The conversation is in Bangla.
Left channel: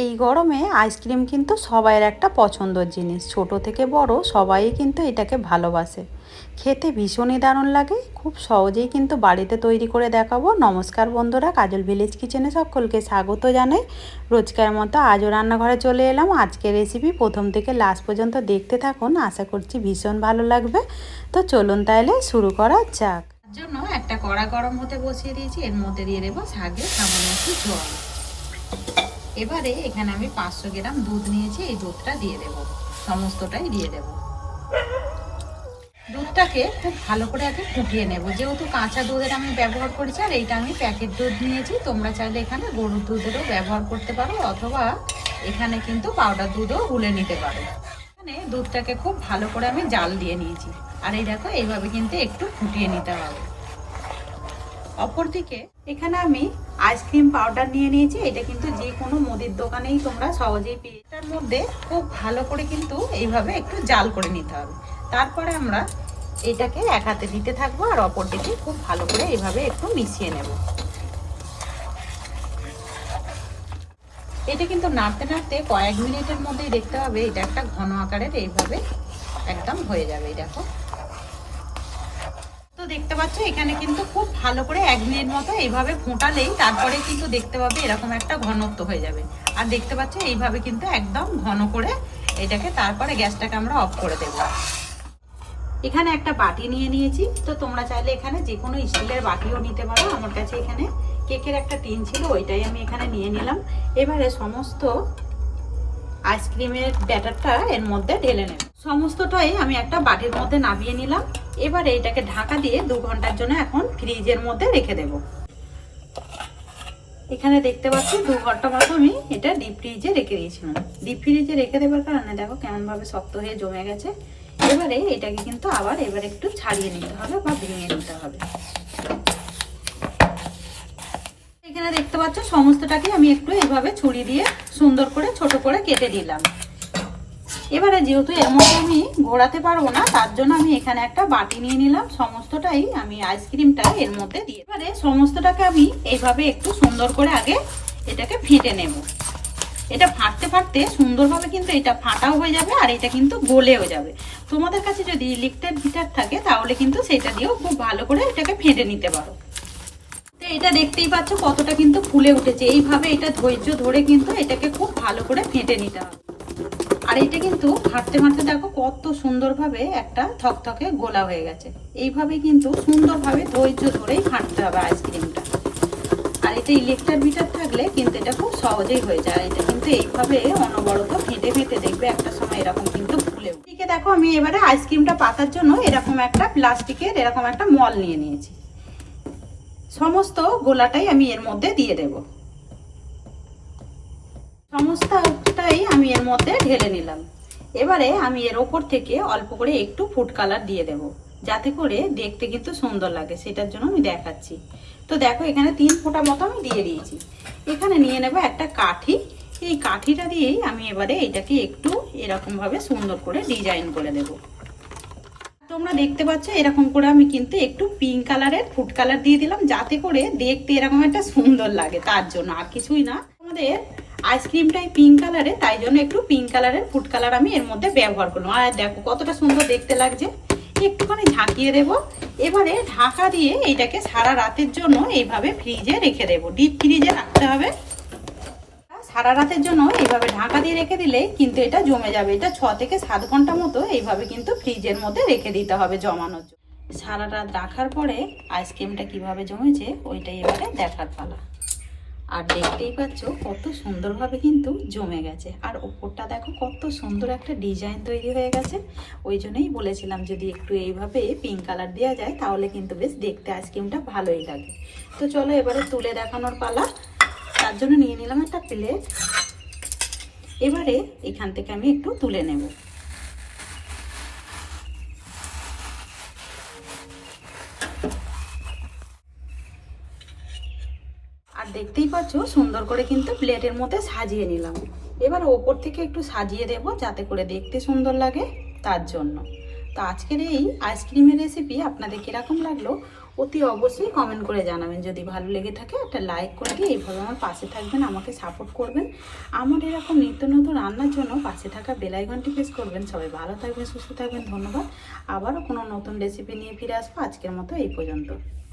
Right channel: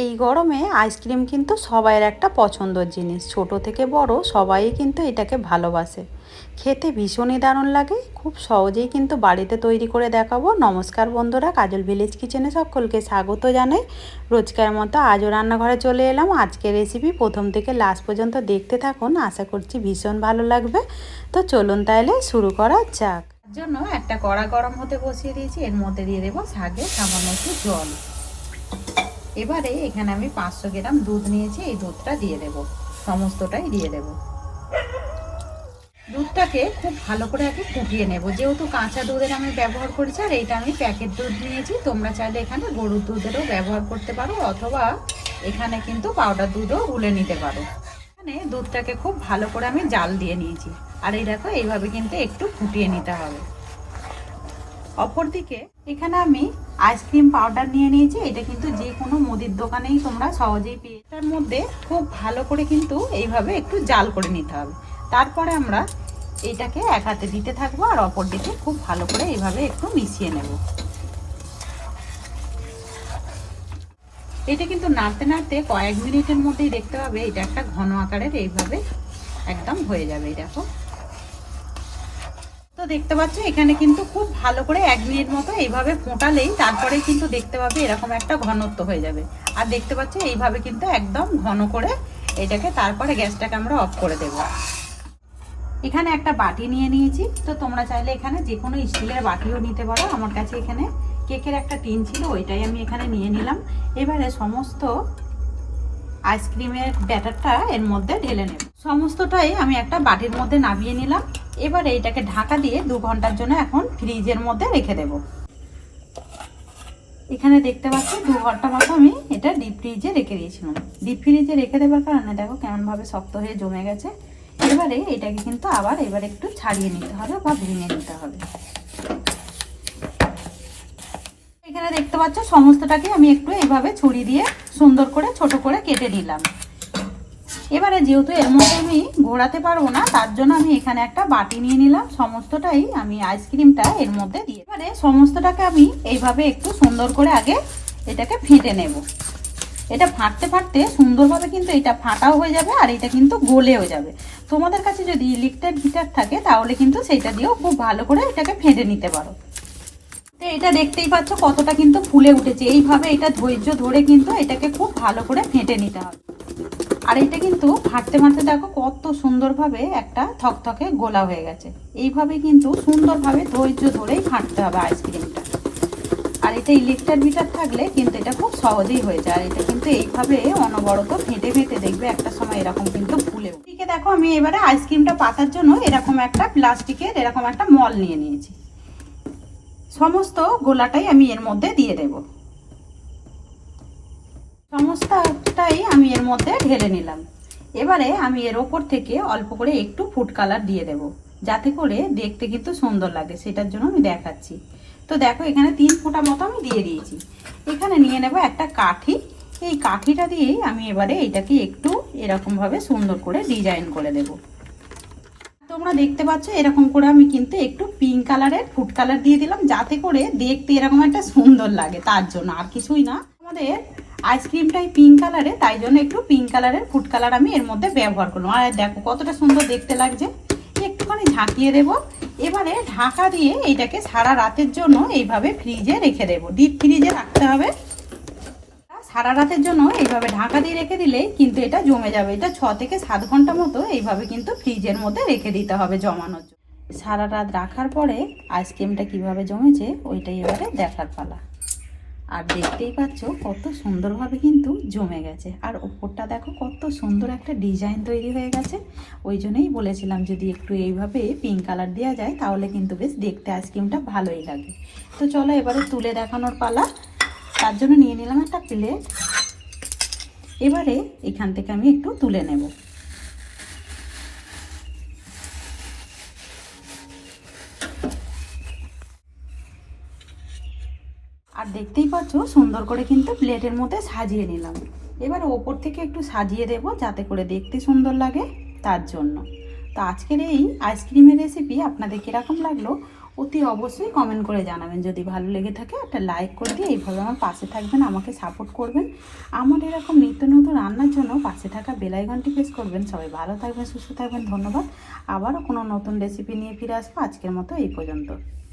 এই গরমে আইসক্রিম কিন্তু সবাইয়ের একটা পছন্দের জিনিস। ছোট থেকে বড় সবাই কিন্তু এটাকে ভালোবাসে। খেতে ভীষণই দারুণ লাগে। খুব সহজেই কিন্তু বাড়িতে তৈরি করে দেখাবো। নমস্কার বন্ধুরা, কাজল ভিলেজ কিচেনে সকলকে স্বাগত জানাই। রোজকার মতো আজও রান্নাঘরে চলে এলাম। আজকের রেসিপি প্রথম থেকে লাস্ট পর্যন্ত দেখতে থাকুন, আশা করছি ভীষণ ভালো লাগবে। তো চলুন তাহলে শুরু করা যাক। জন্য একটা কড়া গরম হতে বসিয়ে দিয়েছি, এর মধ্যে দিয়ে দেবো শাকের সামান্য একটু জল। এবারে এখানে আমি 500 গ্রাম দুধ নিয়েছি, এই দুধটা দিয়ে দেব, সমস্তটাই দিয়ে দেব। দুধটাকে খুব ভালো করে আগে ফুটিয়ে নেব। যেহেতু কাঁচা দুধের আমি ব্যবহার করেছি আর এইটা আমি প্যাকেট দুধ নিয়েছি, তোমরা চাইলে এখানে গরুর দুধেরও ব্যবহার করতে পারো, অথবা এখানে কিন্তু পাউডার দুধও গুলে নিতে পারো। এখানে দুধটাকে খুব ভালো করে আমি জাল দিয়ে নিয়েছি, আর এই দেখো এইভাবে কিন্তু একটু ফুটিয়ে নিতে হবে। অপরদিকে এখানে আমি আইসক্রিম পাউডার নিয়ে নিয়েছি, এটা কিন্তু যে কোনো মুদির দোকানেই তোমরা সহজেই পেয়ে। এটার মধ্যে খুব ভালো করে কিন্তু এইভাবে একটু জাল করে নিতে হবে। তারপরে আমরা এটাকে এক হাতে দিতে থাকবো আর অপর দিকে খুব ভালো করে এইভাবে একটু মিশিয়ে নেব। এটা কিন্তু নাড়তে নাড়তে কয়েক মিনিটের মধ্যেই দেখতে হবে এটা একটা ঘন আকারের এইভাবে একদম হয়ে যাবে। দেখো তো দেখতে পাচ্ছ এখানে কিন্তু খুব ভালো করে 1 মিনিট মতো এইভাবে ফোটালেই তারপরে কিন্তু দেখতে পাবে এরকম একটা ঘনত্ব হয়ে যাবে। আর দেখতে পাচ্ছ এইভাবে কিন্তু একদম ঘন করে এটাকে, তারপরে গ্যাসটাকে আমরা অফ করে দেব। এখানে একটা বাটি নিয়ে নিয়েছি, তো তোমরা চাইলে এখানে যে কোনো স্টিলের বাটিও নিতে পারো। আমার কাছে এখানে কেকের একটা টিন ছিল, ওইটাই আমি এখানে নিয়ে নিলাম। এবারে সমস্ত আইসক্রিমের ব্যাটারটা এর মধ্যে ঢেলে নেব। সমস্তটাই আমি একটা বাটির মধ্যে নামিয়ে নিলাম। এবারে এটাকে ঢাকা দিয়ে 2 ঘন্টার জন্য এখন ফ্রিজের মধ্যে রেখে দেব। এখানে দেখতে পাচ্ছি 2 ঘন্টা মতো আমি এটা ডিপ ফ্রিজে রেখে দিয়েছিলাম। ডিপ ফ্রিজে রেখে দেওয়ার কারণে দেখো কেমন ভাবে শক্ত হয়ে জমে গেছে। এবারে এটাকে কিন্তু আবার একটু ছাড়িয়ে নিতে হবে বা ভেঙে নিতে হবে। এখানে দেখতে পাচ্ছ সমস্তটাকে আমি একটু এইভাবে ছুরি দিয়ে সুন্দর করে ছোট করে কেটে দিলাম। এবারে যেহেতু এর মধ্যে আমি ঘোরাতে পারবো না, তার জন্য আমি এখানে একটা বাটি নিয়ে নিলাম। সমস্তটাই আমি আইসক্রিমটা এর মধ্যে দিয়ে, এবারে সমস্তটাকে আমি এইভাবে একটু সুন্দর করে আগে এটাকে ফেটে নেব। এটা ফাটতে ফাটতে সুন্দরভাবে কিন্তু এটা ফাটাও হয়ে যাবে আর এটা কিন্তু গলেও যাবে। তোমাদের কাছে যদি ইলেকট্রিক হিটার থাকে তাহলে কিন্তু সেটা দিয়েও খুব ভালো করে এটাকে ফেটে নিতে পারো। তো এটা দেখতেই পাচ্ছ কতটা কিন্তু ফুলে উঠেছে। এইভাবে এটা ধৈর্য ধরে কিন্তু এটাকে খুব ভালো করে ফেটে নিতে হবে। আর এটা কিন্তু ফাটতে ফাটতে দেখো কত সুন্দরভাবে একটা থকথকে গোলা হয়ে গেছে। এইভাবে কিন্তু সুন্দরভাবে ধৈর্য ধরেই ফাটতে হবে আইসক্রিমটা। আর এটা ইলেকট্রিক হিটার থাকলে কিন্তু এটা খুব সহজেই হয়ে যায়। এটা কিন্তু এইভাবে অনবরত ফেটে ফেটে দেখবে একটা সময় এরকম কিন্তু ফুলে। ঠিক দেখো আমি এবারে আইসক্রিমটা পাতার জন্য এরকম একটা প্লাস্টিকের এরকম একটা মল নিয়ে নিয়েছি। সমস্ত গোলাটাই আমি এর মধ্যে দিয়ে দেব। সমস্তটাই আমি এর মধ্যে ঢেলে নিলাম। এবারে আমি এর ওপর থেকে অল্প করে একটু ফুড কালার দিয়ে দেব, যাতে করে দেখতে কিন্তু সুন্দর লাগে, সেটার জন্য আমি দেখাচ্ছি। তো দেখো এখানে 3 ফোঁটা মতো আমি দিয়ে দিয়েছি। এখানে নিয়ে নেব একটা কাঠি। এই কাঠিটা দিয়েই আমি এবারে এটাকে একটু এরকম ভাবে সুন্দর করে ডিজাইন করে দেব। তোমরা দেখতে পাচ্ছ এরকম করে আমি কিন্তু একটু পিঙ্ক কালারের ফুড কালার দিয়ে দিলাম, যাতে করে দেখতে এরকম একটা সুন্দর লাগে, তার জন্য, আর কিছুই না। আমাদের আইসক্রিমটাই পিঙ্ক কালারে, তাই জন্য একটু পিঙ্ক কালারের ফুড কালার আমি এর মধ্যে ব্যবহার করলাম। আর দেখো কতটা সুন্দর দেখতে লাগছে। একটুখানি ঝাঁকিয়ে দেব। এবারে ঢাকা দিয়ে এটাকে সারা রাতের জন্য এইভাবে ফ্রিজে রেখে দেব। ডিপ ফ্রিজে রাখতে হবে সারা রাতের জন্য। এইভাবে ঢাকা দিয়ে রেখে দিলে কিন্তু এটা জমে যাবে। এটা 6 থেকে 7 ঘন্টা মতো এইভাবে কিন্তু ফ্রিজের মধ্যে রেখে দিতে হবে জমানোর জন্য। সারা রাত রাখার পরে আইসক্রিমটা কিভাবে জমেছে ওইটাই এবারে দেখার পালা। আর দেখতেই পাচ্ছ কত সুন্দরভাবে কিন্তু জমে গেছে। আর ওপরটা দেখো কত সুন্দর একটা ডিজাইন তৈরি হয়ে গেছে। ওই জন্যই বলেছিলাম যদি একটু এইভাবে পিঙ্ক কালার দেওয়া যায় তাহলে কিন্তু বেশ দেখতে আইসক্রিমটা ভালোই লাগে। তো চলো এবারে তুলে দেখানোর পালা। তার জন্য নিয়ে নিলাম একটা প্লেট। এবারে এখান থেকে আমি একটু তুলে নেব। আর দেখতেই পাচ্ছ সুন্দর করে কিন্তু প্লেটের মধ্যে সাজিয়ে নিলাম। এবার ওপর থেকে একটু সাজিয়ে দেব যাতে করে দেখতে সুন্দর লাগে, তার জন্য। তো আজকের এই আইসক্রিমের রেসিপি আপনাদের কীরকম লাগলো অতি অবশ্যই কমেন্ট করে জানাবেন। যদি ভালো লেগে থাকে একটা লাইক করে দিয়ে এইভাবে আমার পাশে থাকবেন, আমাকে সাপোর্ট করবেন। আমার এরকম নিত্য নতুন রান্নার জন্য পাশে থাকা বেল আইকনটি প্রেস করবেন। সবাই ভালো থাকবেন, সুস্থ থাকবেন, ধন্যবাদ। আবারও কোনো নতুন রেসিপি নিয়ে ফিরে আসবো। আজকের মতো এই পর্যন্ত।